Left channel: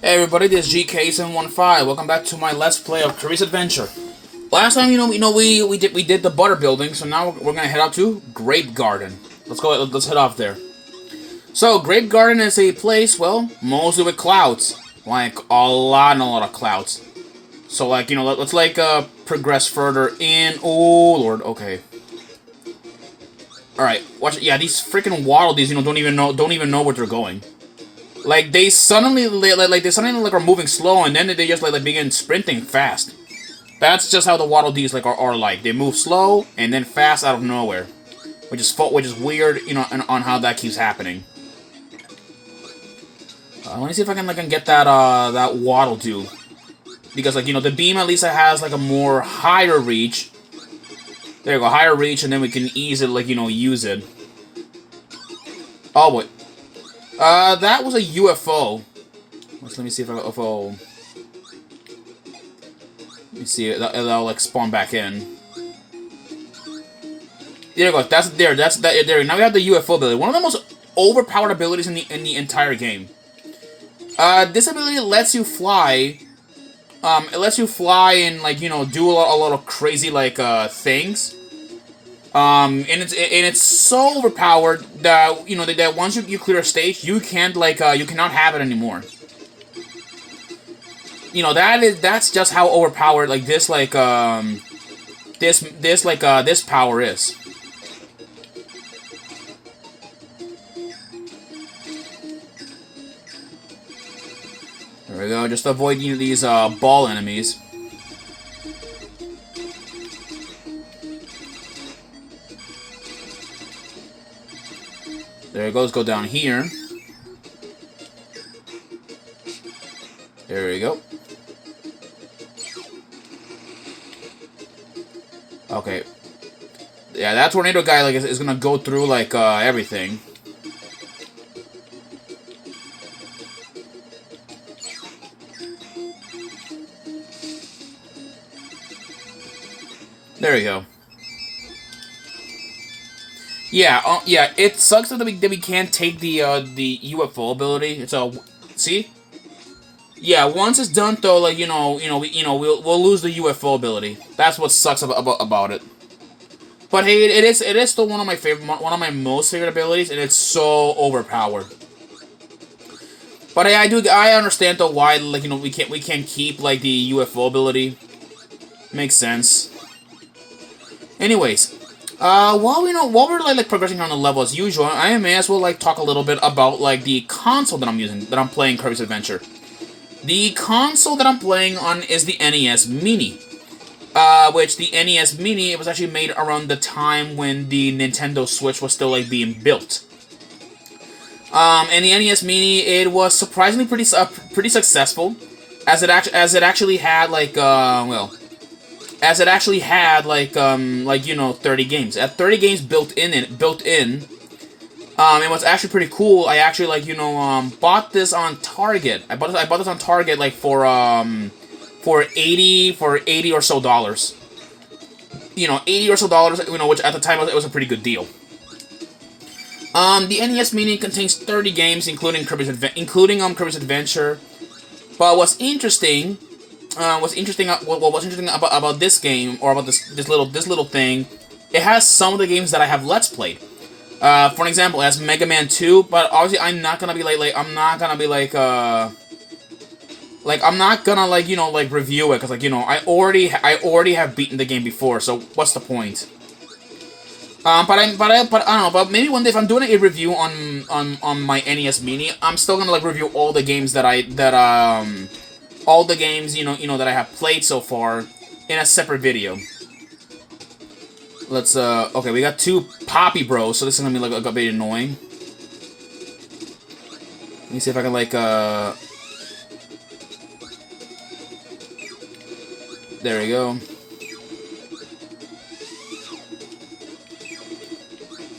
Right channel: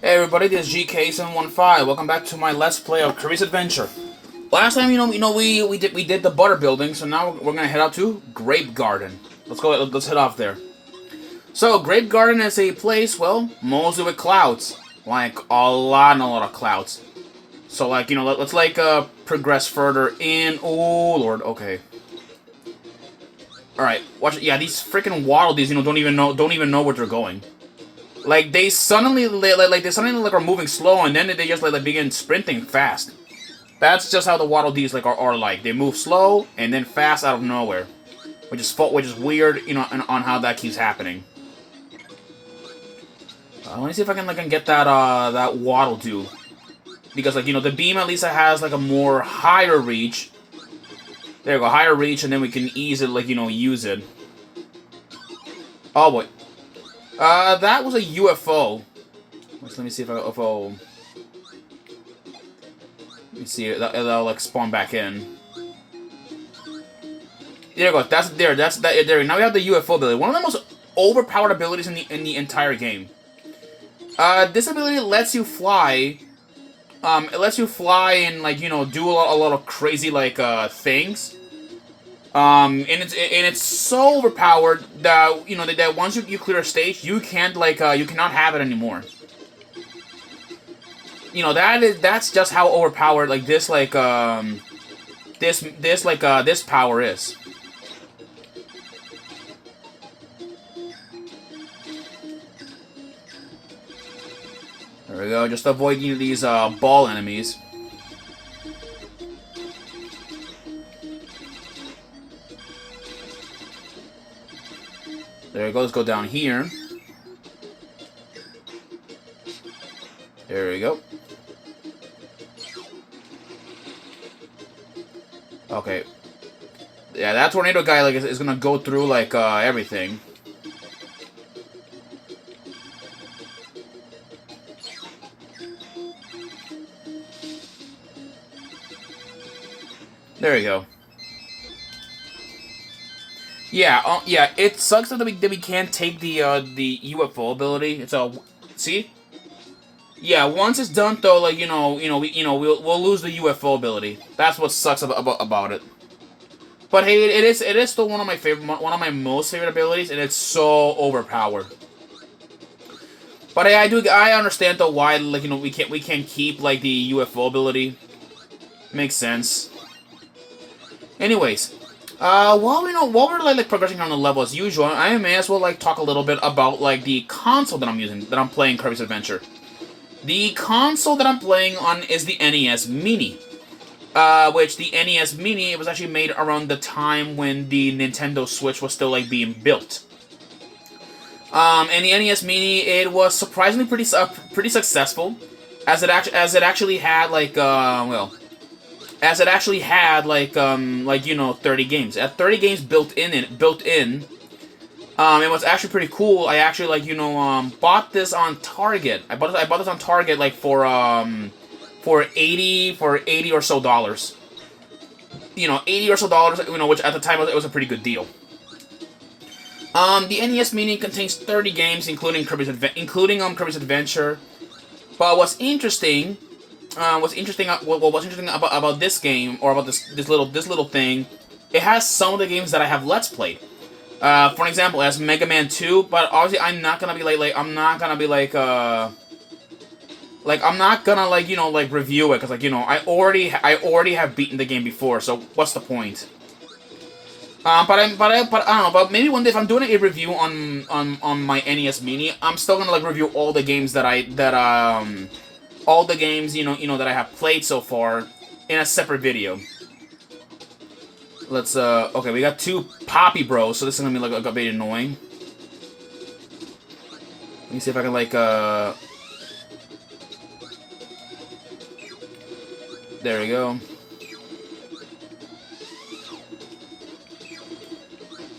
Hey everybody, this is GK715. Welcome back to my Let's Play of Kirby's Adventure. Last time, we did the butter building, so now we're gonna head out to Grape Garden. Let's go. Let's head off there. So Grape Garden is a place, well, mostly with clouds, like a lot of clouds. So like let's progress further in. Oh Lord, okay. All right, watch it. Yeah, these freaking Waddle Dees, don't even know where they're going. Like they suddenly are moving slow, and then they just begin sprinting fast. That's just how the Waddle Dees are like. They move slow and then fast out of nowhere, which is weird, on how that keeps happening. Let me see if I can get that Waddle Doo, because the beam at least has like a more higher reach. There you go, higher reach, and then we can easily use it. Oh boy. That was a UFO. Let me see if let me see, that'll like spawn back in. There you go. That's there. There. Now we have the UFO ability. One of the most overpowered abilities in the entire game. This ability lets you fly. It lets you fly and do a lot of crazy things. And it's so overpowered that that once you clear a stage, you can't you cannot have it anymore. That's just how overpowered this power is. There we go. Just avoid these ball enemies. There it goes. Go down here. There we go. Okay. Yeah, that tornado guy is gonna go through everything. There you go. Yeah, yeah. It sucks that we can't take the UFO ability. It's a see. Yeah, once it's done though, we'll lose the UFO ability. That's what sucks about it. But hey, it is still one of my most favorite abilities, and it's so overpowered. But hey, I understand though why we can't keep the UFO ability. Makes sense. Anyways, while we're progressing on the level as usual, I may as well talk a little bit about the console that I'm using, that I'm playing Kirby's Adventure. The console that I'm playing on is the NES Mini. Which the NES Mini, it was actually made around the time when the Nintendo Switch was still being built. And the NES Mini, it was surprisingly pretty successful, as it actually had 30 games. At 30 games built in. It was actually pretty cool. I actually bought this on Target. I bought this on Target for 80 or so dollars. 80 or so dollars, which at the time it was a pretty good deal. The NES Mini contains 30 games, including Kirby's Adventure. But what's interesting about this game, or about this little thing, it has some of the games that I have Let's Played. For an example, it has Mega Man 2, but obviously I'm not gonna be I'm not gonna review it, because I already have beaten the game before, so what's the point? But I don't know. But maybe one day if I'm doing a review on my NES Mini, I'm still gonna review all the games that I that I have played so far in a separate video. Let's okay, we got two Poppy Bros, so this is gonna be a bit annoying. Let me see if I can there we go.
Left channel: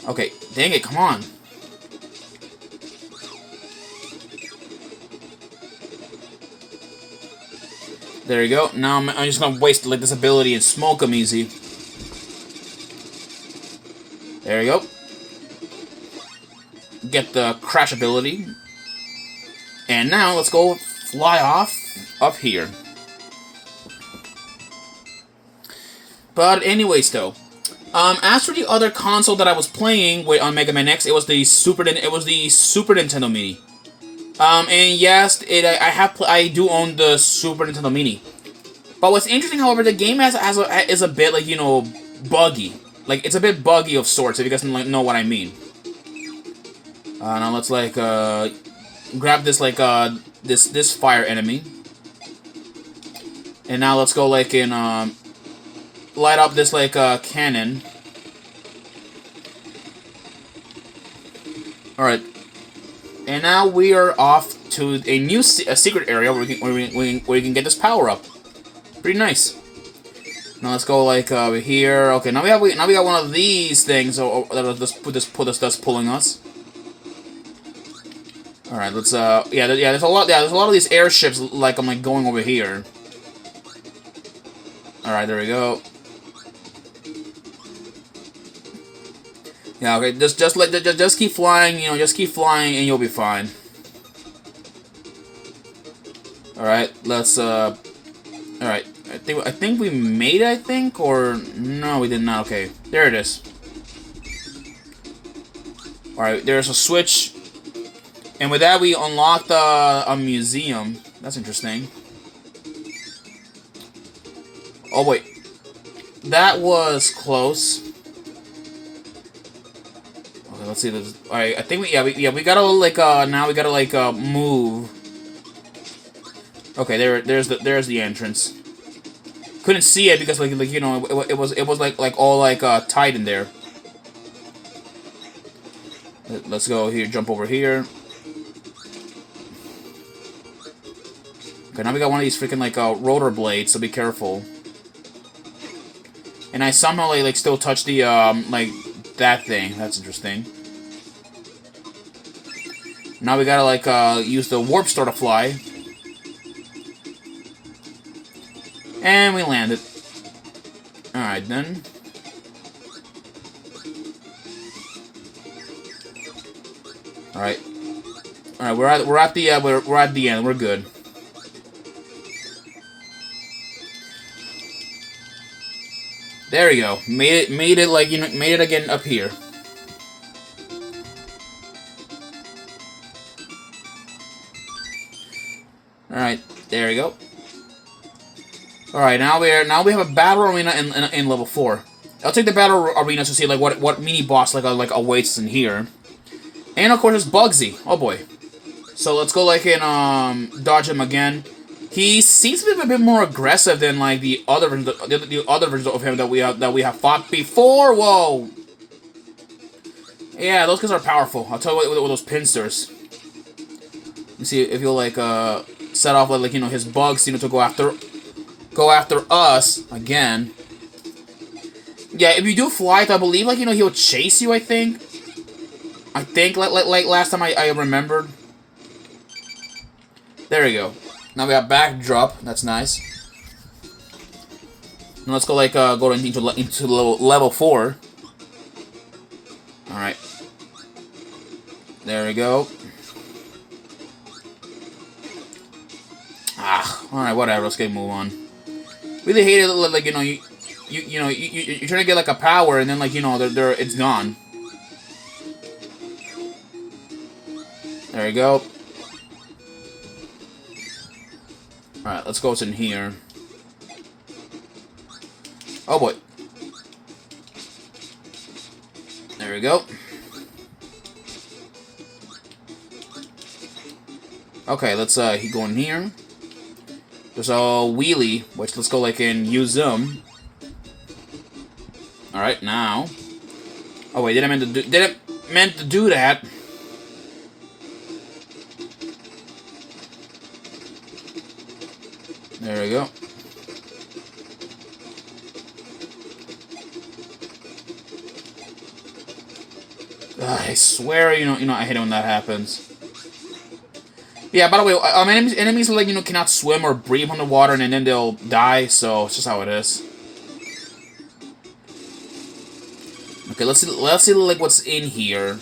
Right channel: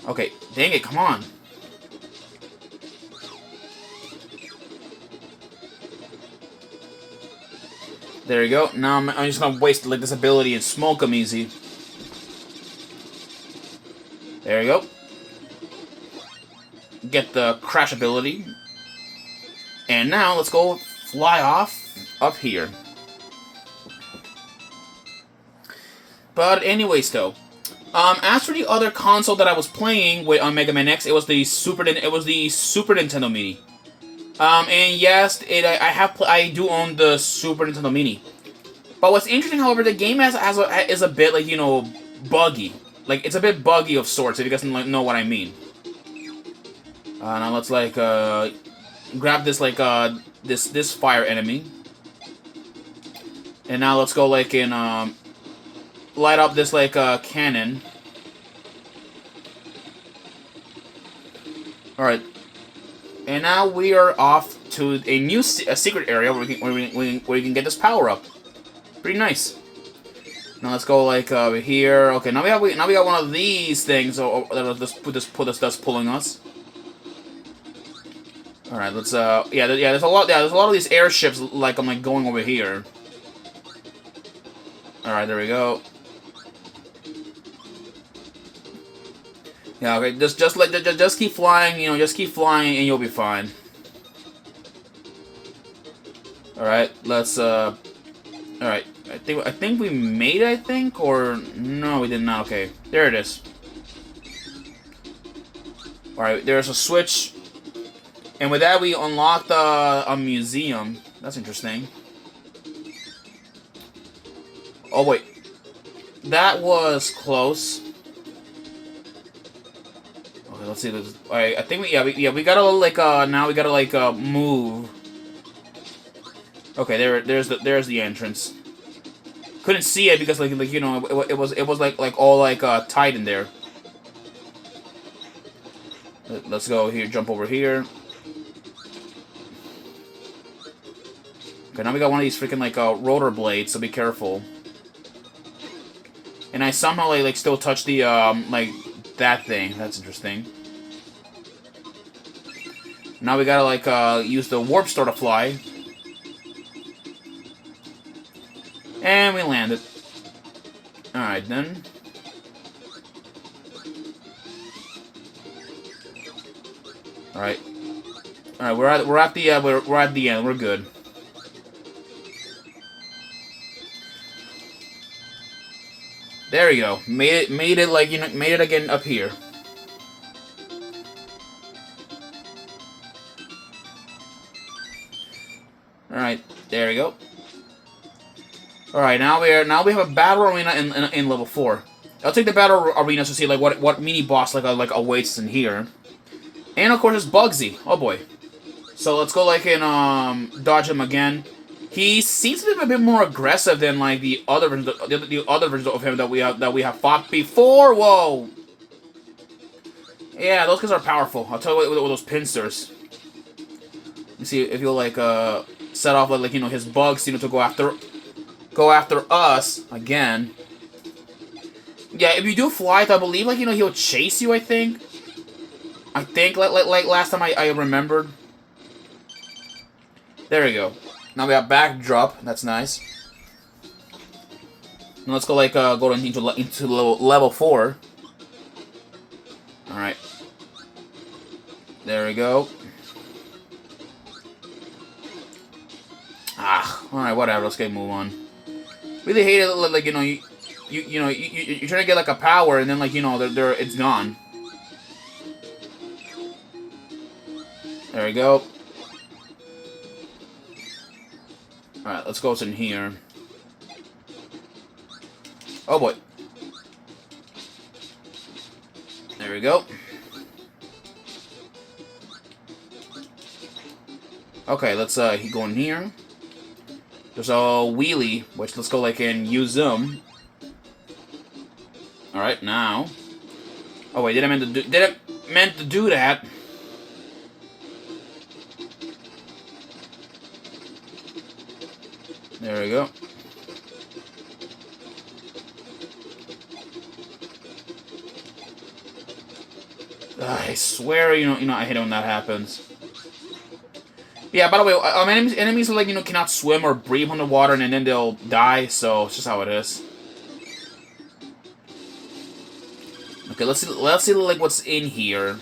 Okay, dang it, come on. There you go. Now I'm just gonna waste this ability and smoke them easy. There you go. Get the crash ability. And now let's go fly off up here. But anyways, though, as for the other console that I was playing with on Mega Man X, it was the Super Nintendo Mini. And yes, I do own the Super Nintendo Mini. But what's interesting, however, the game is a bit like, you know, buggy. Like, it's a bit buggy of sorts, if you guys know what I mean. Now let's like grab this like this fire enemy. And now let's go like in light up this like cannon. Alright. And now we are off to a new secret area where we can get this power up. Pretty nice. Now let's go like over here. Okay, now we got one of these things that'll just that's pulling us. All right, let's there's a lot of these airships like I'm like going over here. All right, there we go. Yeah, okay, just keep flying, you know, just keep flying and you'll be fine. All right, let's all right. I think we made it, or no, we did not. Okay, there it is. All right, there's a switch. And with that, we unlocked a museum. That's interesting. Oh, wait. That was close. Okay, let's see this. Alright, I think we gotta, like, now we gotta, like, move. Okay, there's the entrance. Couldn't see it because, like you know, it was like all, like, tight in there. Let's go here, jump over here. Okay, now we got one of these freaking, like, rotor blades, so be careful. And I somehow, like still touch the, like, that thing. That's interesting. Now we gotta, like, use the warp star to fly. And we landed. Alright, then. Alright. Alright, we're at the end. We're good. There you go. Made it like, you know, made it again up here. Alright, there you go. Alright, now we have a battle arena in level 4. I'll take the battle arena to see like what mini boss like awaits in here. And of course it's Bugsy. Oh boy. So let's go like in dodge him again. He seems to be a bit more aggressive than like the other versions of him that we have fought before. Whoa. Yeah, those guys are powerful. I'll tell you what with those pincers. You see if you'll like set off like you know his bugs, you know, to go after us again. Yeah, if you do flight, I believe like you know he'll chase you. I think like last time I remembered. There we go. Now we got backdrop. That's nice. And let's go like go into level 4. All right. There we go. All right, whatever. Let's get move on. Really hate it. Like you know, you're trying to get like a power, and then like you know, it's gone. There we go. Alright, let's go in here. Oh boy. There we go. Okay, let's go in here. There's a wheelie, which let's go like and use them. Alright, now. Oh wait, didn't meant to do that. There we go. I swear, you know, I hate it when that happens. Yeah, by the way, enemies like, you know, cannot swim or breathe underwater, and then they'll die, so it's just how it is. Okay, let's see like what's in here.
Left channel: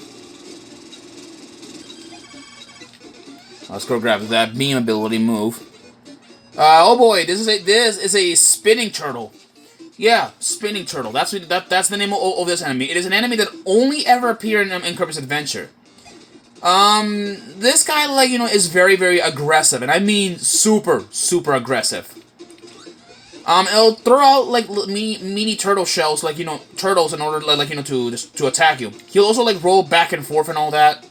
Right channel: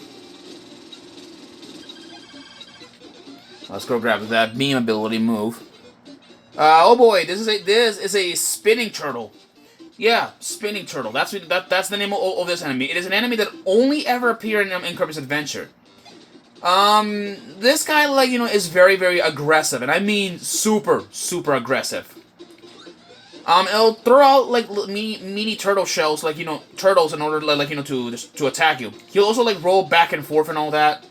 Let's go grab that beam ability move. Oh boy, this is a spinning turtle. Yeah, spinning turtle. That's the name of this enemy. It is an enemy that only ever appeared in Kirby's Adventure. This guy, like, is very, very aggressive, and I mean super, super aggressive. It'll throw out, like, mini turtle shells, like, turtles in order, like, to attack you. He'll also, like, roll back and forth and all that.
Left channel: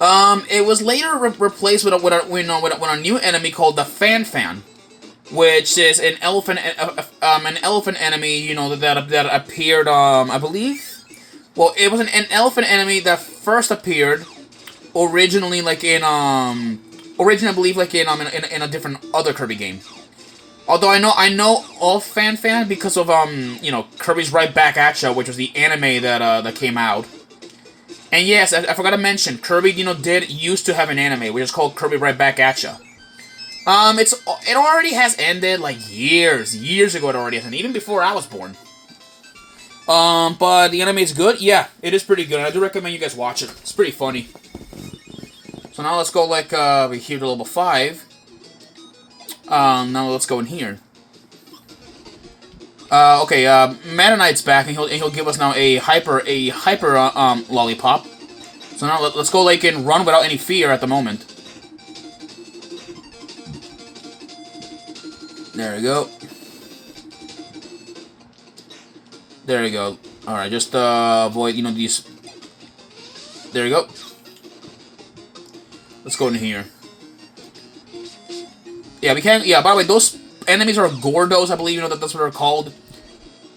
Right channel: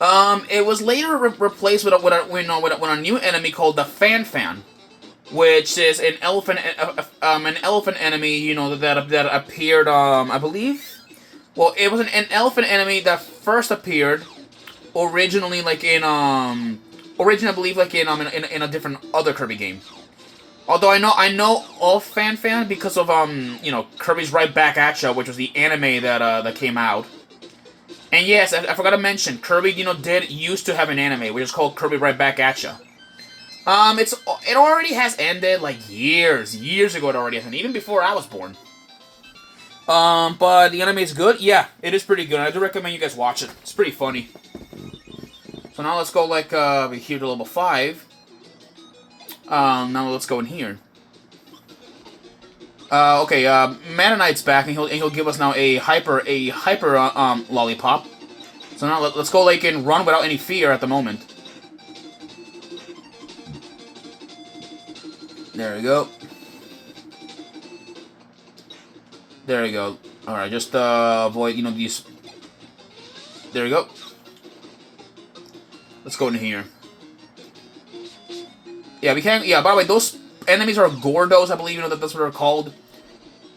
It was later replaced with a new enemy called the Fan, which is an elephant enemy, that appeared, I believe. Well, it was an elephant enemy that first appeared originally, like, I believe, like, in a different other Kirby game. Although I know of Fan because of Kirby's Right Back at Ya, which was the anime that came out. And yes, I forgot to mention, Kirby, did used to have an anime, which is called Kirby Right Back at Ya. It already has ended, like, years ago it already has ended, even before I was born. But the anime is good? Yeah, it is pretty good, I do recommend you guys watch it. It's pretty funny. So now let's go, like, here to level 5. Now let's go in here. Okay, Meta Knight's back, and he'll give us now a hyper lollipop. So now let's go, like, and run without any fear at the moment. There we go. There we go. Alright, just, avoid, these... There we go. Let's go in here. Yeah, we can't... Yeah, by the way, those enemies are Gordos, I believe, that's what they're called.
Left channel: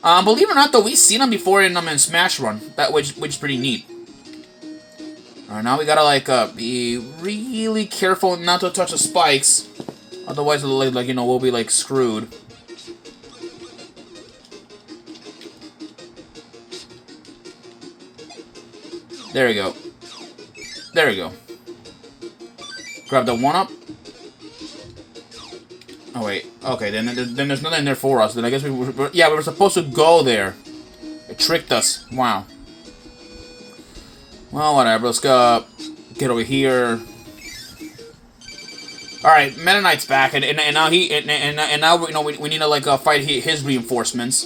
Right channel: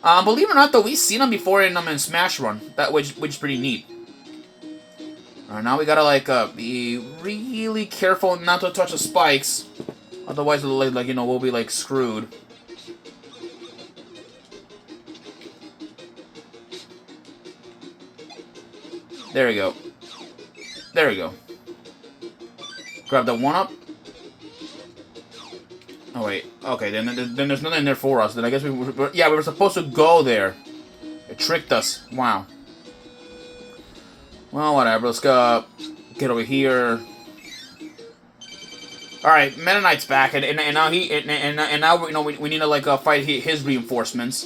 Believe it or not, though, we've seen them before in Smash Run, which is pretty neat. Alright, now we gotta, like, be really careful not to touch the spikes. Otherwise, like, we'll be, like, screwed. There we go. There we go. Grab the 1-up. Oh, wait. Okay, then there's nothing there for us. Then I guess we were supposed to go there. It tricked us. Wow. Well, whatever. Let's go get over here. Alright, Meta Knight's back, and now now we need to, like, fight his reinforcements.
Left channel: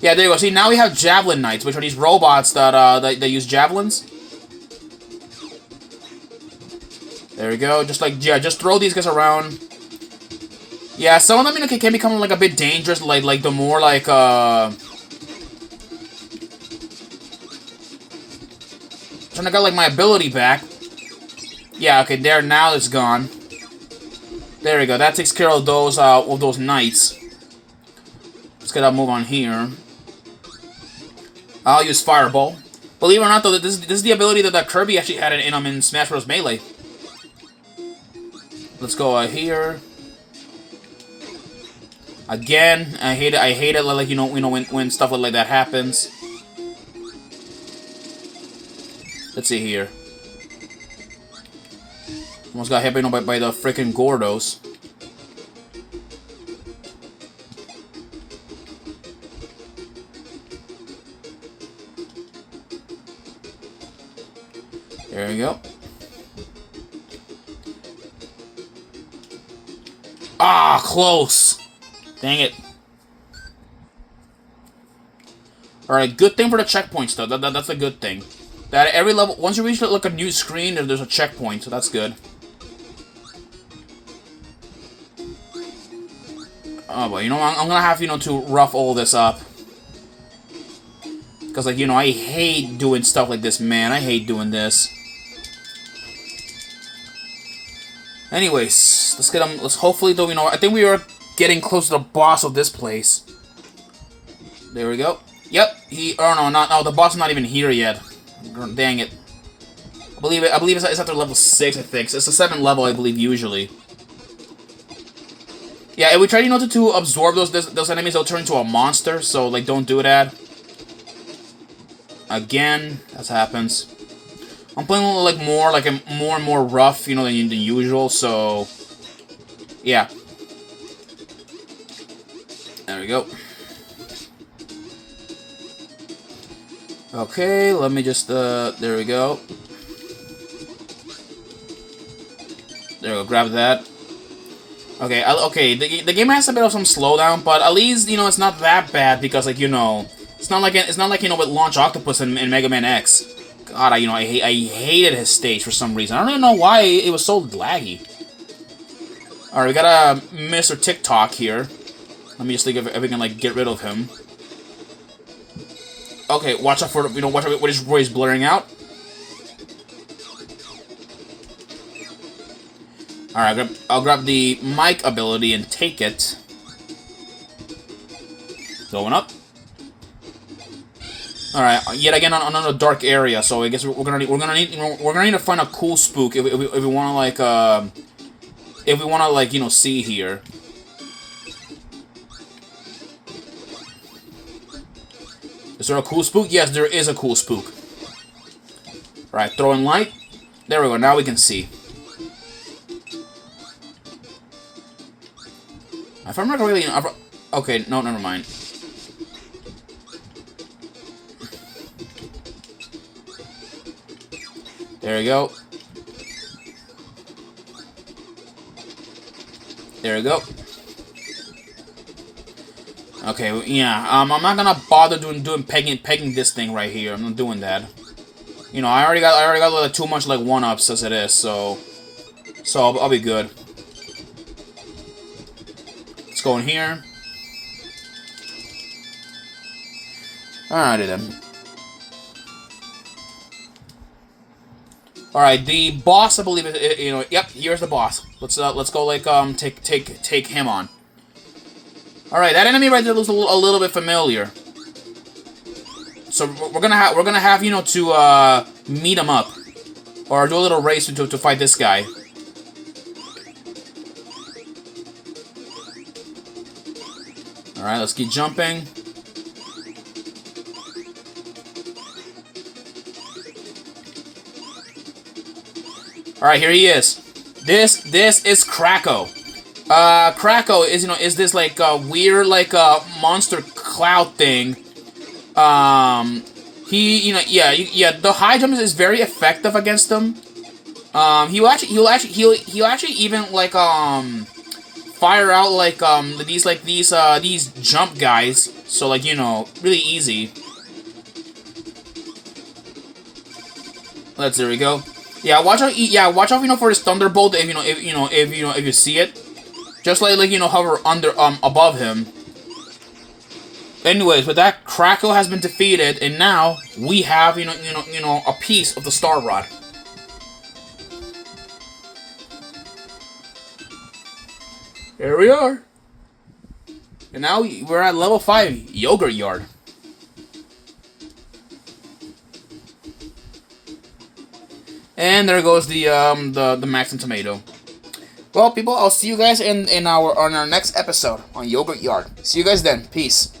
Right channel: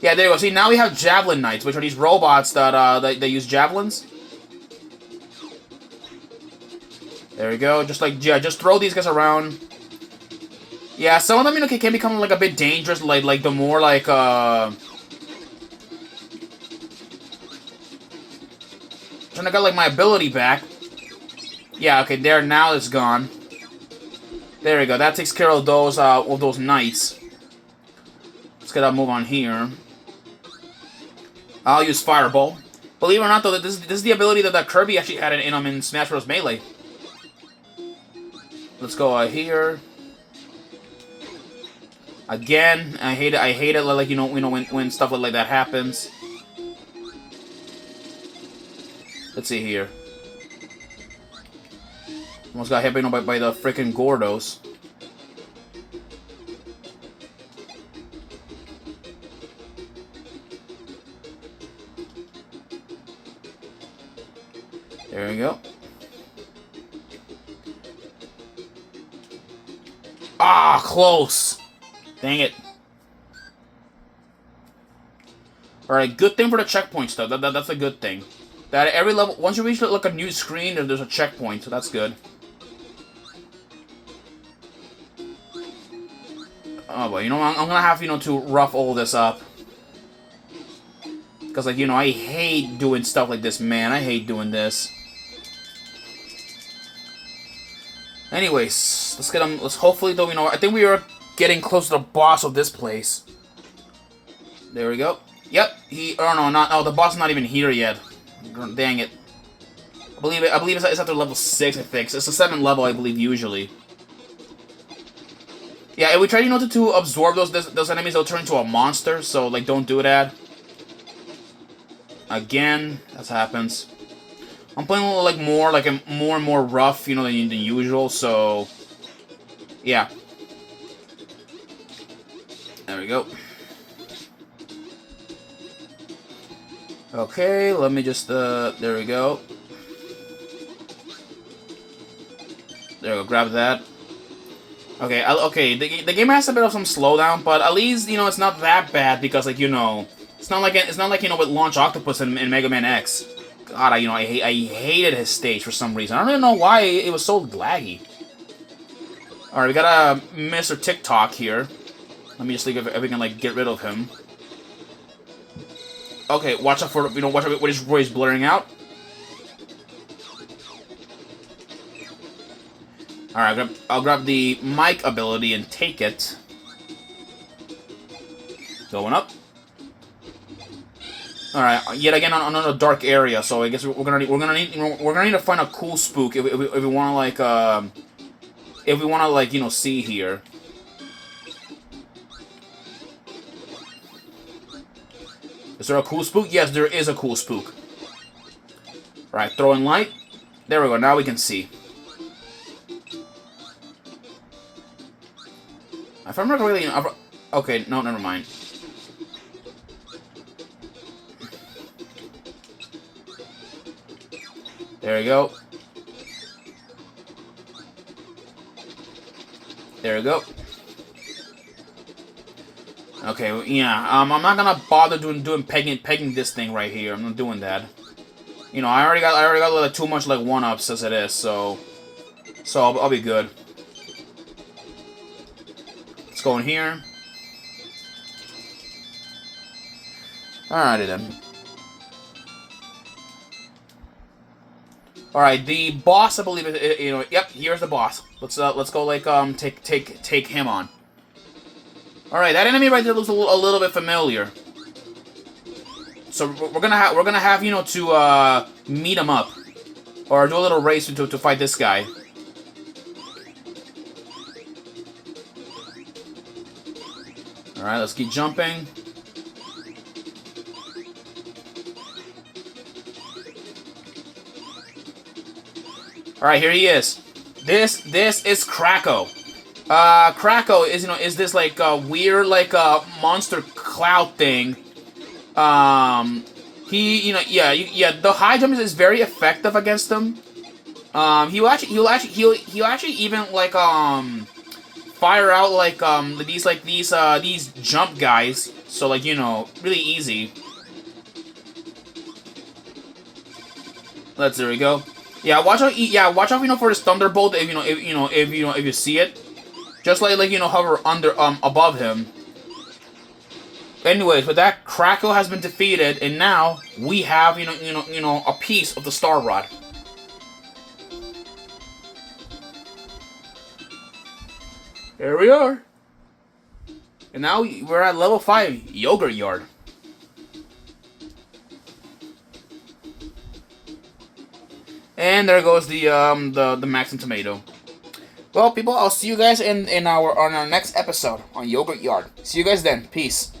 Yeah, there you go. See, now we have Javelin Knights, which are these robots that use javelins. There we go. Just, like, yeah, just throw these guys around. Yeah, some of them, can become, like, a bit dangerous, like the more, like, trying to get, like, my ability back. Yeah, okay, there, now it's gone. There we go. That takes care of those knights. Let's get that move on here. I'll use Fireball. Believe it or not, though, this is the ability that Kirby actually had in Smash Bros. Melee. Let's go here. Again, I hate it, like, when stuff like that happens. Let's see here. Almost got hit by the freaking Gordos. There we go. Ah, close. Dang it. Alright, good thing for the checkpoints, though. That's a good thing. That at every level, once you reach, like, a new screen, there's a checkpoint, so that's good. Oh, boy, I'm gonna have, to rough all this up. Because, like, I hate doing stuff like this, man. I hate doing this. Anyways, let's get them. Let's hopefully, though, I think we are getting close to the boss of this place. There we go. Yep. Oh, the boss is not even here yet. Dang it. I believe it's after level 6, I think. It's a 7th level, I believe, usually. Yeah, if we try, to absorb those enemies, they'll turn into a monster, so, like, don't do that. Again, that happens. I'm playing a little, like, more and more rough, than usual, so... Yeah. There we go. Okay, let me just, there we go. There we go, grab that. Okay, okay, the game has a bit of some slowdown, but at least, you know, it's not that bad because, like, you know, it's not like, you know, with Launch Octopus in Mega Man X. God, I hated his stage for some reason. I don't even know why it was so laggy. Alright, we got a Mr. TikTok here. Let me just think if we can, like, get rid of him. Okay, watch out for, you know, watch out where he's blurring out. Alright, I'll grab the mic ability and take it. Going up. Alright, yet again on another dark area, so I guess we're gonna need to find a cool spook if we wanna like you know, see here. Is there a cool spook? Yes, there is a cool spook. Alright, throw in light. There we go, now we can see. If I'm not really... Okay, no, never mind. There we go. There we go. Okay, yeah, I'm not gonna bother doing pegging this thing right here. I'm not doing that. You know, I already got like, too much like 1-ups as it is, so I'll be good. Let's go in here. Alrighty then. Alright, the boss, I believe, you know, yep, here's the boss. Let's go like take him on. Alright, that enemy right there looks a little bit familiar. So we're gonna have, you know, to meet him up, or do a little race to fight this guy. Alright, let's keep jumping. Alright, here he is. This is Kracko. Kracko is, you know, is this like weird like monster cloud thing. He, you know, yeah, the high jump is very effective against him. He'll actually even like fire out like these jump guys, so like, you know, really easy. There we go. Yeah, watch out, you know, for his thunderbolt if you see it. Just like you know, hover above him. Anyways, with that, Kracko has been defeated, and now we have you know a piece of the Star Rod. Here we are. And now we're at level 5, Yogurt Yard. And there goes the Maxim Tomato. Well, people, I'll see you guys on our next episode on Yogurt Yard. See you guys then. Peace.